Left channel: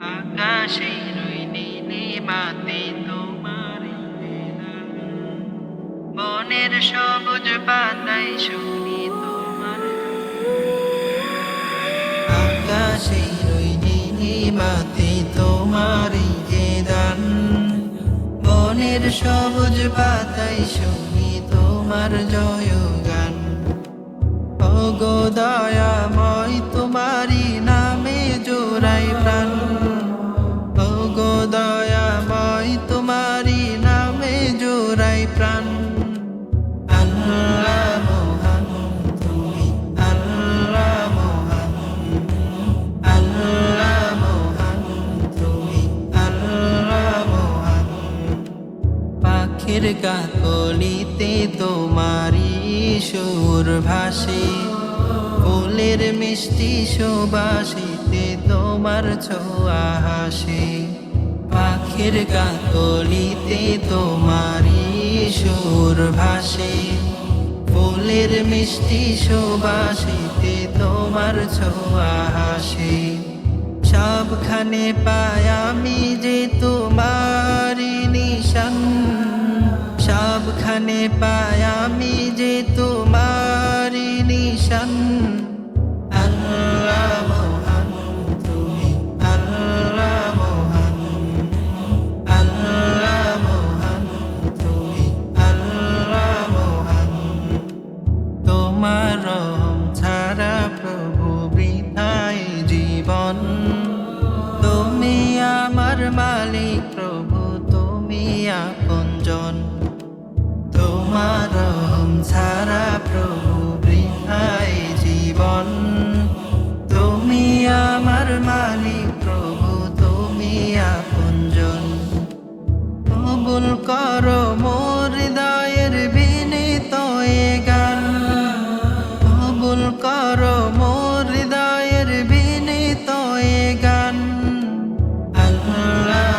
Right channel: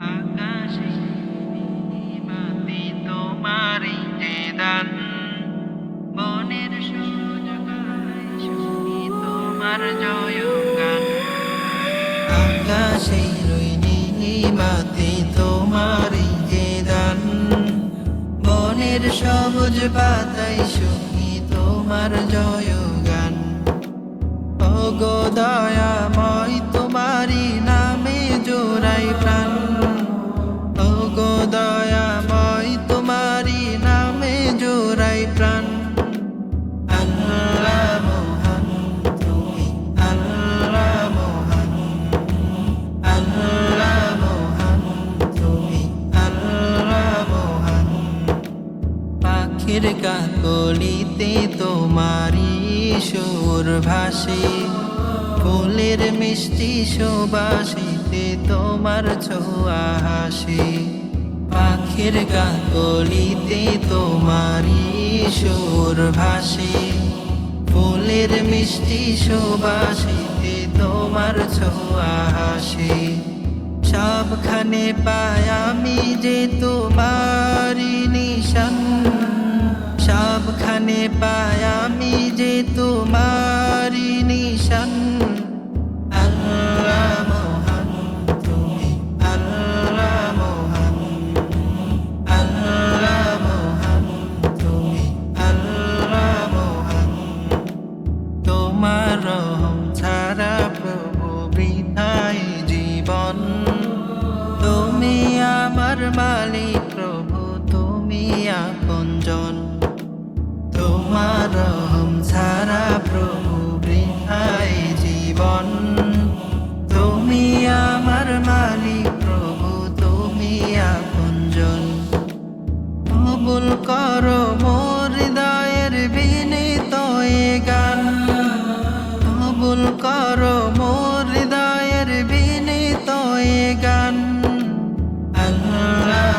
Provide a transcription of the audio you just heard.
আকাশের ওই নীলিমাতে তোমারই যে দান, বনের সবুজ পাতায় শুনি তোমার জয়গান। আকাশের ওই নীলিমাতে তোমারই যে দান, বনের সবুজ পাতায় শুনি তোমার জয়গান। ওগো দয়াময় তোমারি নামে জোড়াই প্রাণ, ওগো দয়াময় তোমারি নামে জোড়াই প্রাণ। আল্লাহ মহান তুমি, আল্লাহ মহান, আল্লাহ মহান তুমি, আল্লাহ মহান। পাখির কাকলিতে তোমারি সুর ভাসে, ফুলের মিষ্টি সুবাসিতে তোমার ছোঁয়া হাসে। পাখির কাকলিতে তোমারি সুর ভাসে, ফুলের মিষ্টি সুবাসিতে তোমার ছোঁয়া হাসে। সবখানে পাই আমি যে তোমারি নিশান, সবখানে পাই আমি যে তোমারি নিশান। আল্লাহ মহান তুমি, আল্লাহ মহান, আল্লাহ মহান তুমি, আল্লাহ মহান। তোমার রহম ছাড়া প্রভু বৃথায় জীবন, তুমি আমার মালিক প্রভু, তুমি আপনজন। তোমার রহম ছাড়া প্রভু বৃথায় জীবন, তুমি আমার মালিক প্রভু, তুমি আপনজন। কবুল করো মোর হৃদয়ের বিনীত এ গান, কবুল করো মোর হৃদয়ের বিনীত এ গান। আল্লাহ